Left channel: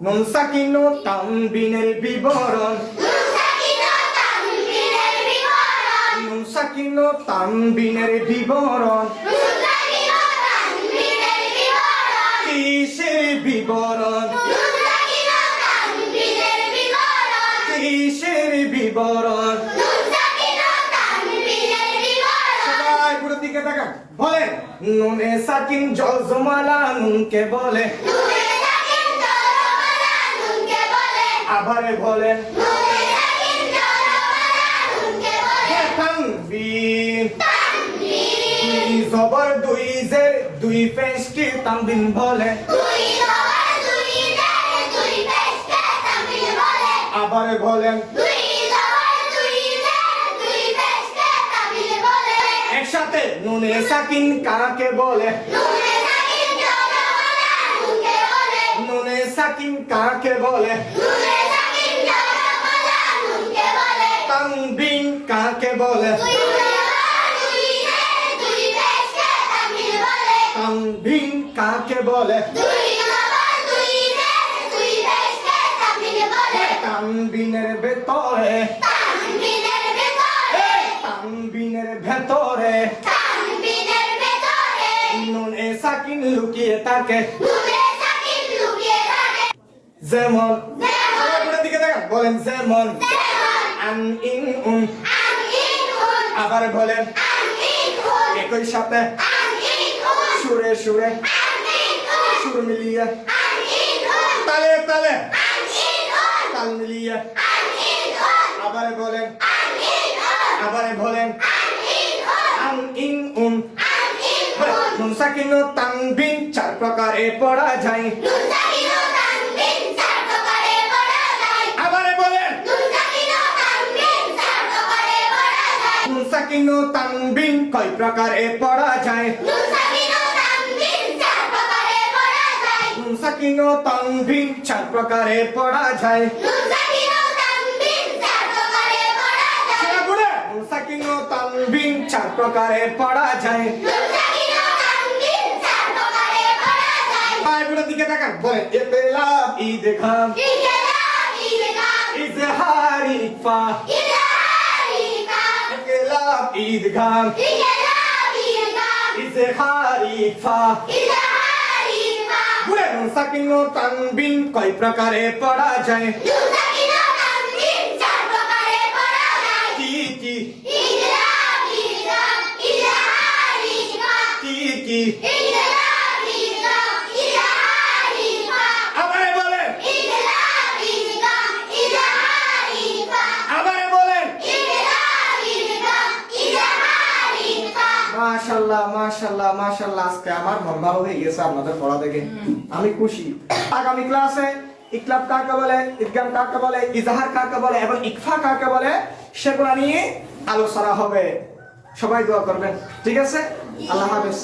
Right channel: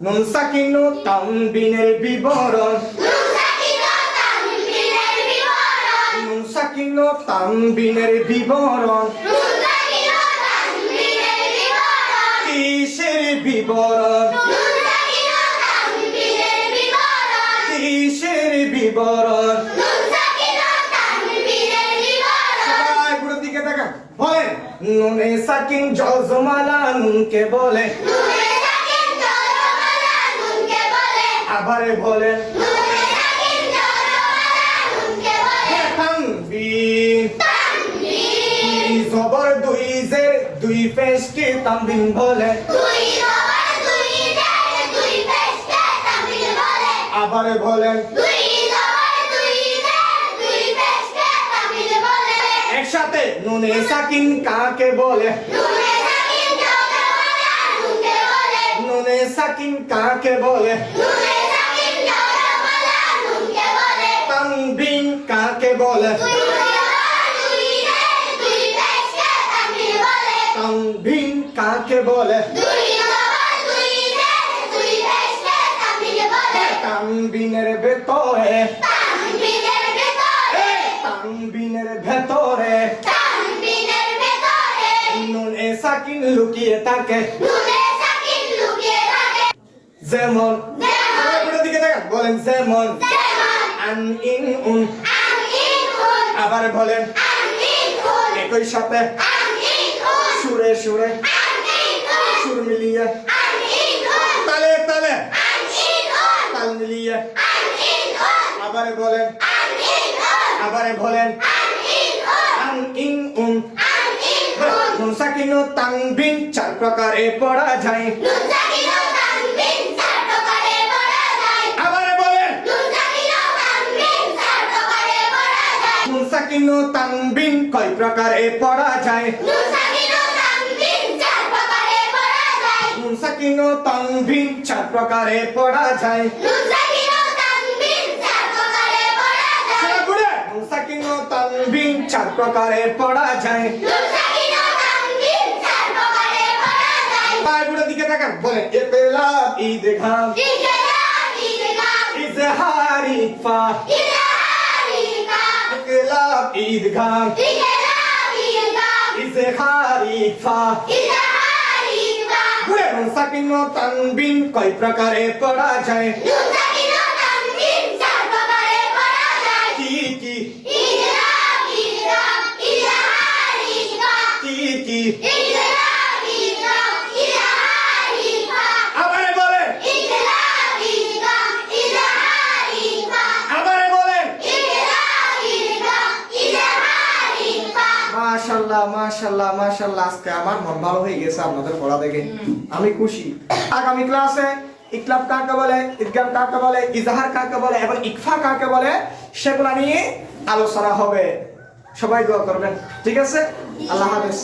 নুন সাকিন ও তানবিনের বিবরণ নুন সাকিন ও তানবিনের বিবরণ কিসের বিবরণ কিসের বিবরণ সবাই পুরো দিকে তাকান বলেন নুনে সাকিন জজমালা নুনকে বলে আবার বলেন তানবিন জবর দুই জের দুই পেশ কি তানবিন বলে আবার বলেন একসাথে নুনে সাকিন কাকে বলে নুনে সাকিন কাকে বলে তানবিন কাকে বলে তানবিন কাকে বলে তানবিনের ভেতরে তানবিনের ভেতরে নুনে সাকিন লুকিয়ে থাকে যেমন দিকে দেখেন বলেন যেমন আন ইন উন আবার বলেন একই সাথে সুরে সুরে সুর মিলিয়ে তালে তালে তাল মিলিয়ে আবার বলেন আন ইন উন নুন সাকিন ও তানবিন চার প্রকারে পড়া যায় আবার বলেন নুন সাকিন ও তানবিন কয় প্রকারে পড়া যায় নুন সাকিন ও তানবিন চার প্রকারে পড়া যায় নুন সাকিন ও তানবিন চার প্রকারে পড়া যায় পায়গুলোর দিকে তাকান বলেন ইকলাব ইদগাম ইজহার ইকফা ইকলাব ইদগাম ইজহার ইকফা নুন সাকিন ও তানবিন কয় প্রকারে পড়া যায় কি কি কি কি আবার বলেন আবার বলেন মাশাআল্লাহ মাশাআল্লাহ মাশাআল্লাহ আজকে আমার মন ভালো হয়ে গেছে আপনাদের পড়া দেখে আমি খুশি আগামী ক্লাসে ইকলাব কাকে বলে ইদগাম কাকে বলে ইজহার কাকে বলে এবং ইকফা কাকে বলে সেগুলো নিয়ে আলোচনা হবে সবাই দোয়া করবেন ঠিক আছে আল্লাহ হাফেজ